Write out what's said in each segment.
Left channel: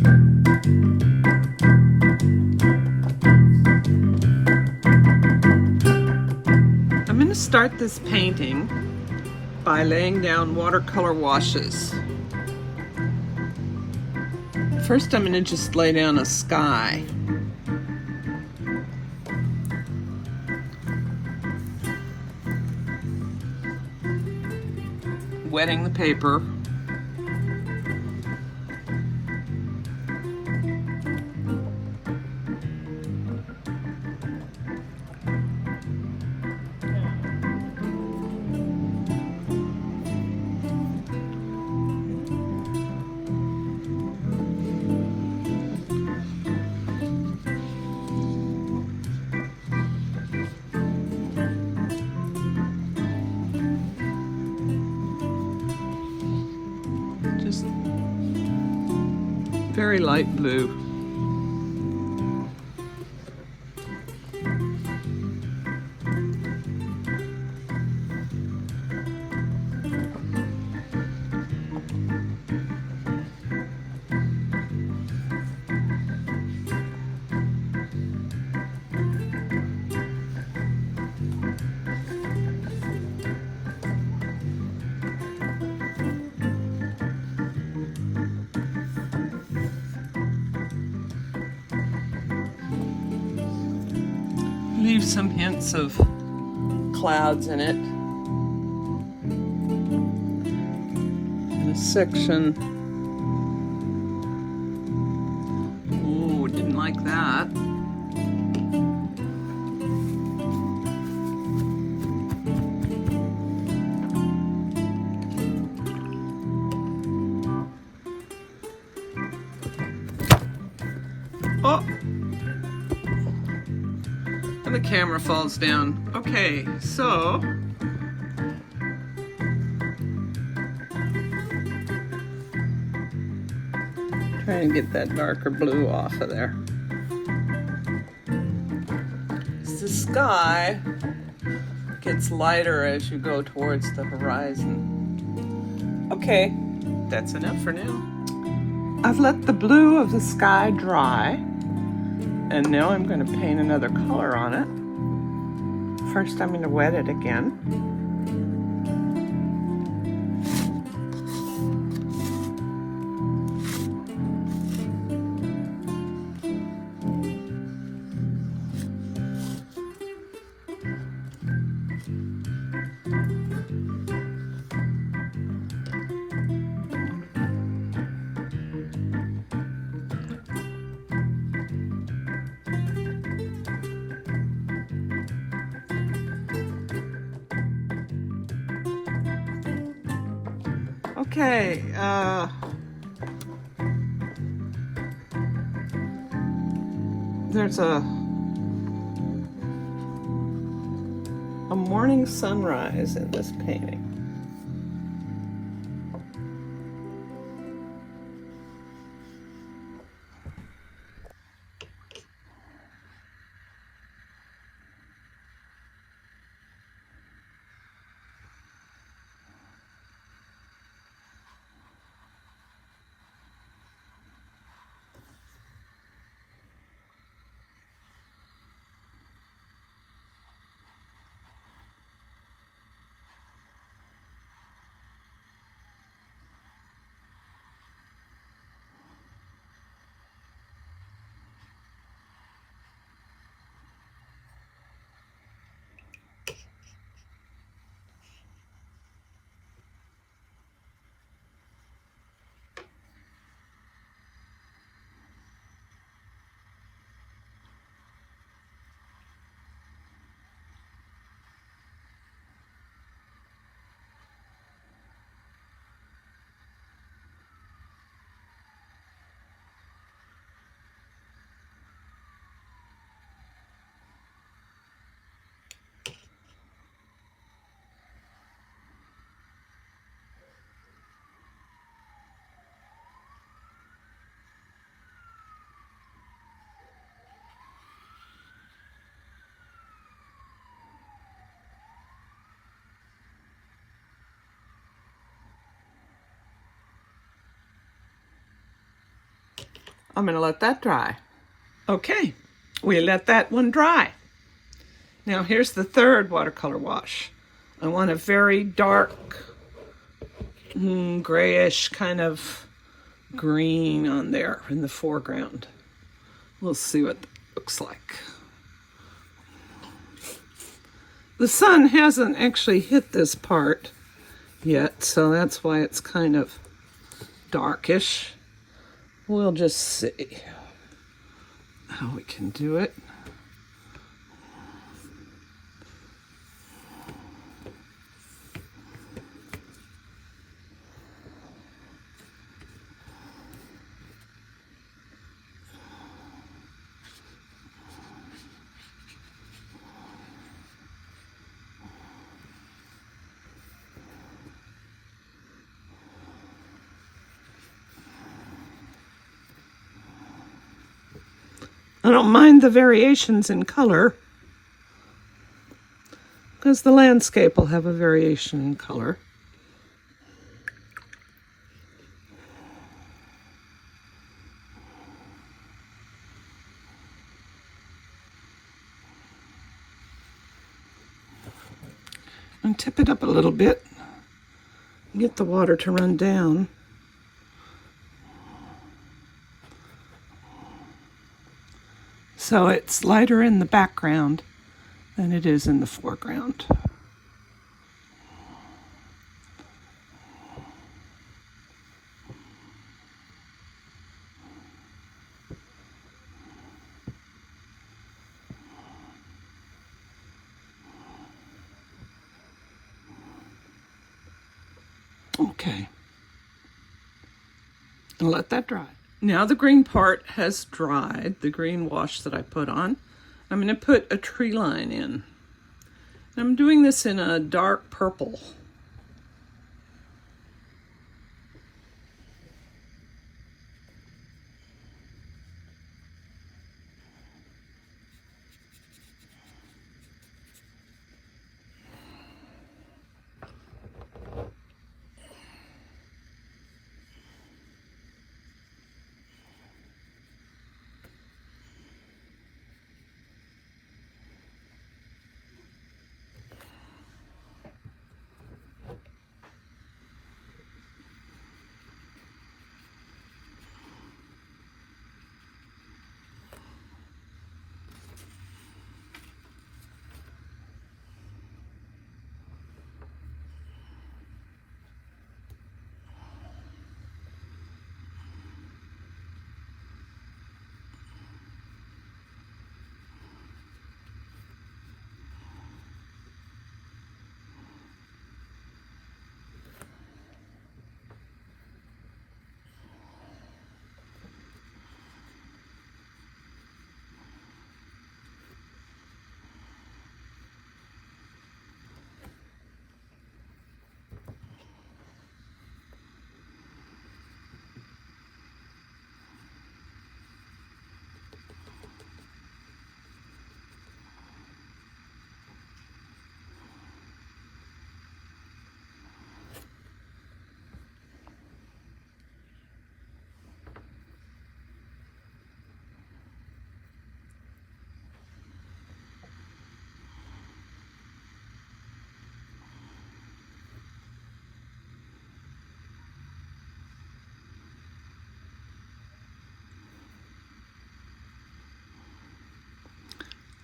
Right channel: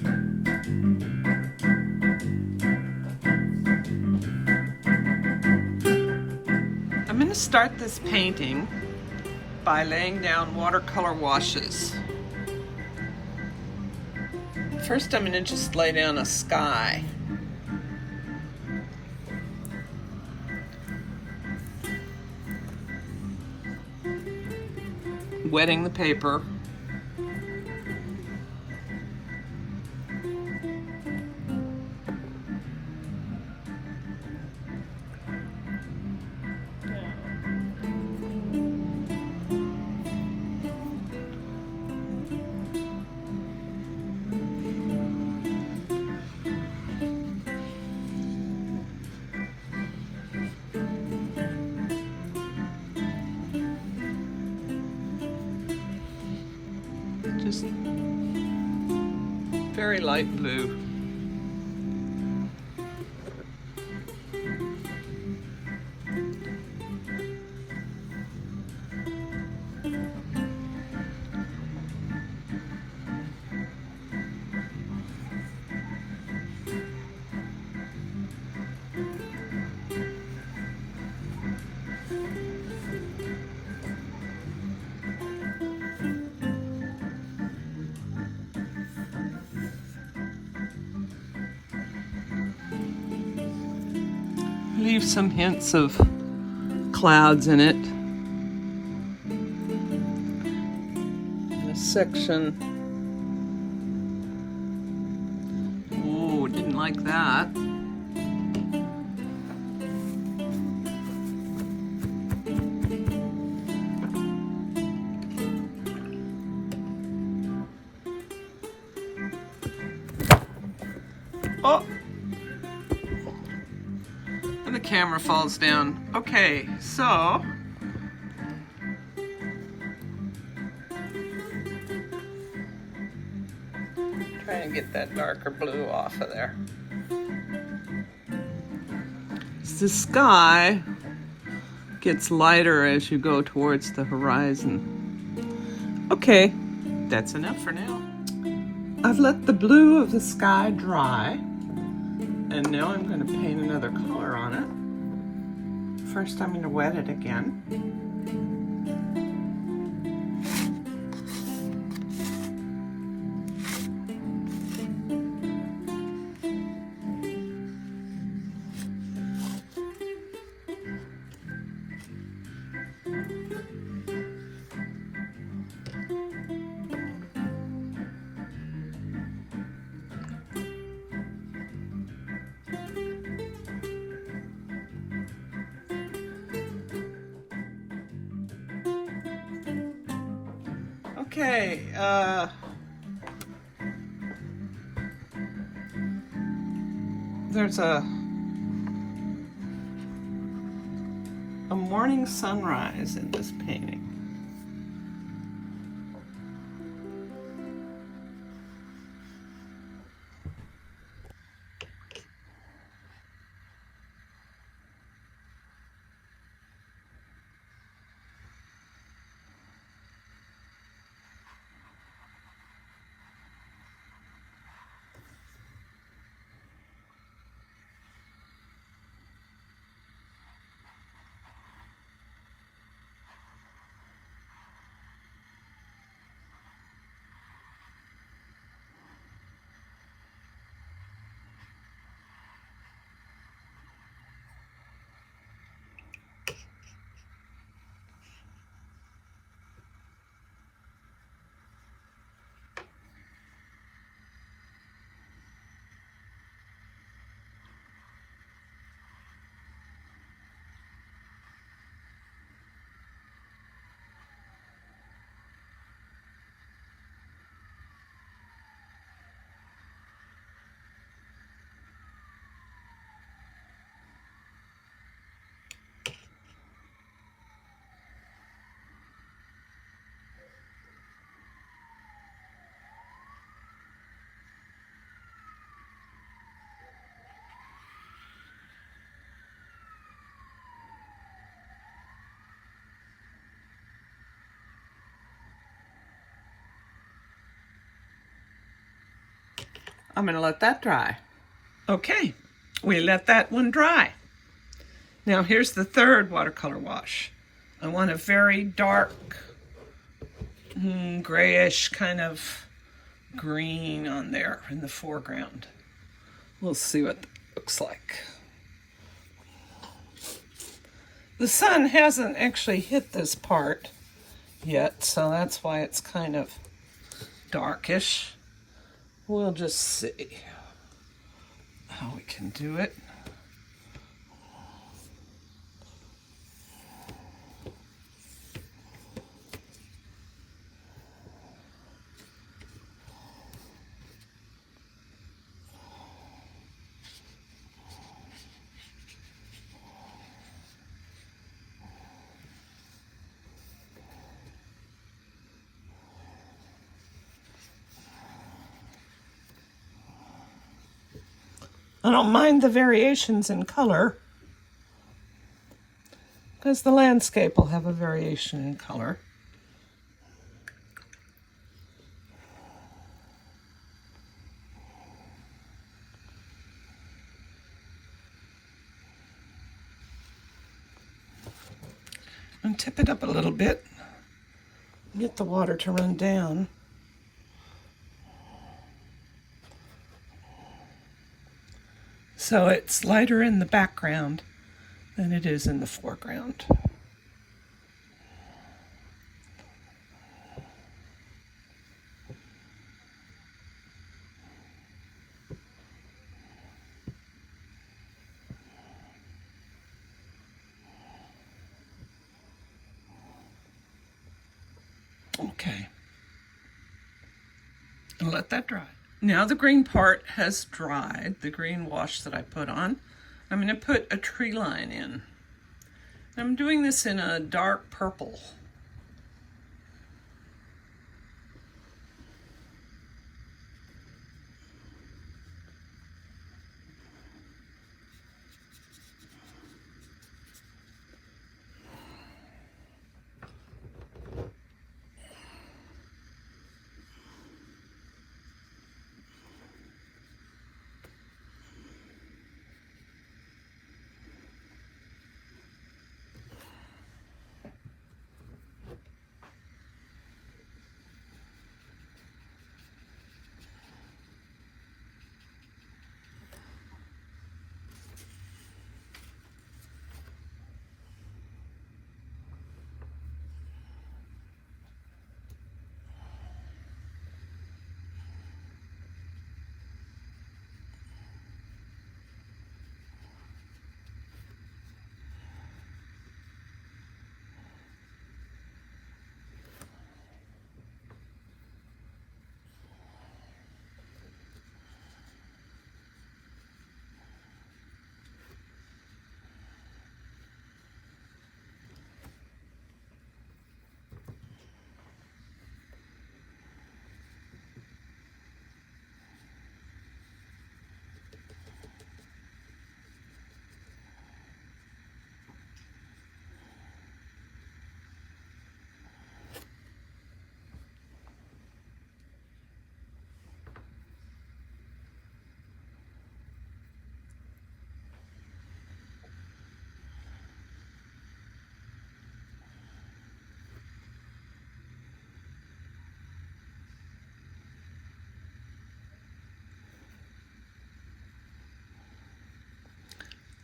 I'm going to start this painting by laying down watercolor washes. First, I'm going to just lay down a sky. Wetting the paper. Just very light blue. Leave some hints of clouds in it. This section. Oh, didn't like that. Oh! And the camera falls down. Okay, so try and get that darker blue off of there. The sky gets lighter as you go towards the horizon. Okay, that's enough for now. I've let the blue of the sky dry. And now I'm going to paint another color on it. First, I'm going to wet it again. Okay, there's a morning sunrise in this painting. I'm going to let that dry. Okay, we let that one dry. Now here's the third watercolor wash. I want a very dark, grayish kind of green on there in the foreground. We'll see what that looks like. The sun hasn't actually hit this part yet, so that's why it's kind of darkish. We'll just see how we can do it. I don't mind the variations in color because the landscape will have a variation in color. And tip it up a little bit, get the water to run down. So it's lighter in the background than it is in the foreground. Okay. And let that dry. Now the green part has dried, the green wash that I put on. I'm going to put a tree line in. I'm doing this in a dark purple.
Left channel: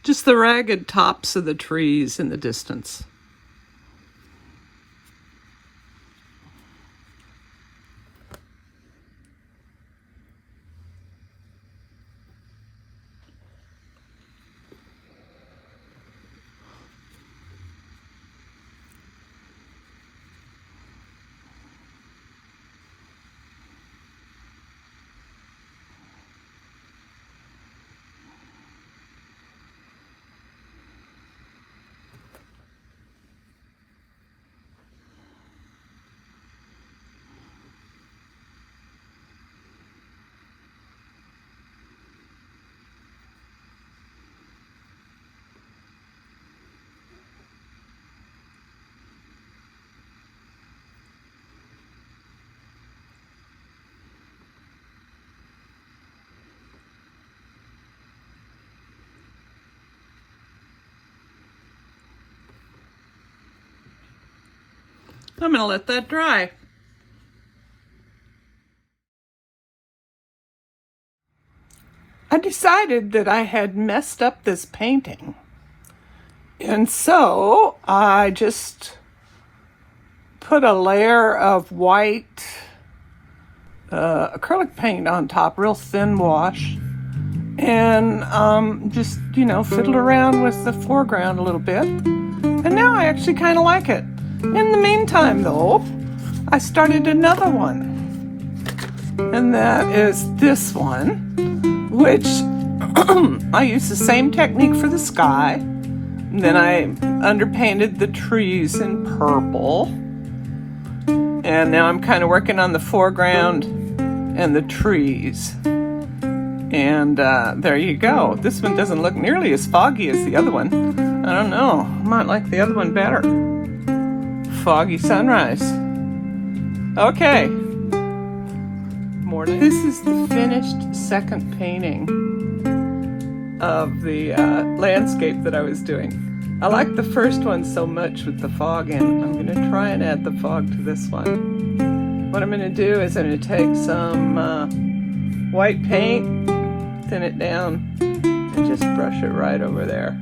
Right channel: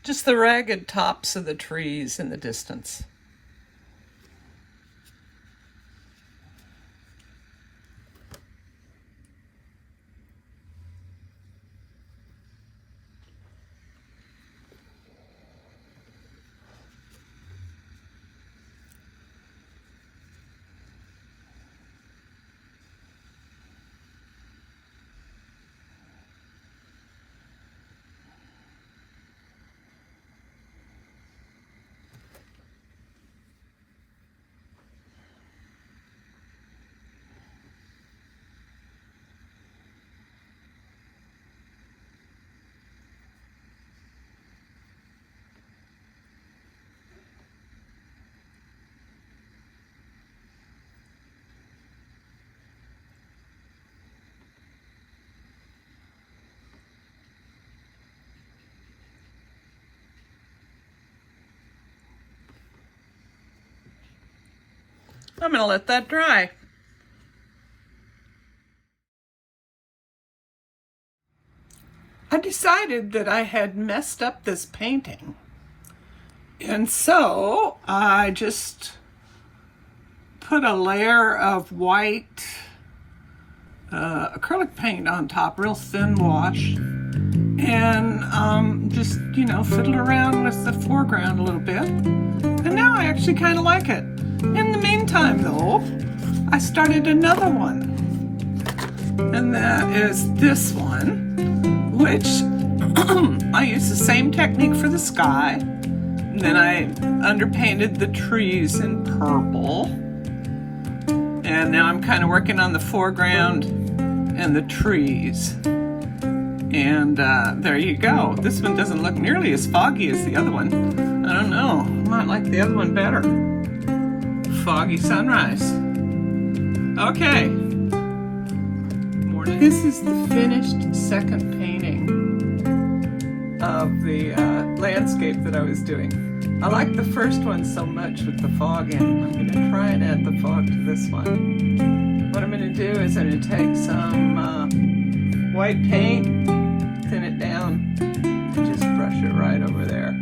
Just the ragged tops of the trees in the distance. I'm gonna let that dry. I decided that I had messed up this painting. And so I just put a layer of white acrylic paint on top, real thin wash, and just, fiddle around with the foreground a little bit. And now I actually kind of like it. In the meantime, though, I started another one. And that is this one, which I used the same technique for the sky. And then I underpainted the trees in purple. And now I'm kind of working on the foreground and the trees. And there you go. This one doesn't look nearly as foggy as the other one. I don't know. I might like the other one better. Foggy sunrise. Okay. Morning. This is the finished second painting of the landscape that I was doing. I like the first one so much with the fog in. I'm going to try and add the fog to this one. What I'm going to do is I'm going to take some white paint, thin it down, and just brush it right over there.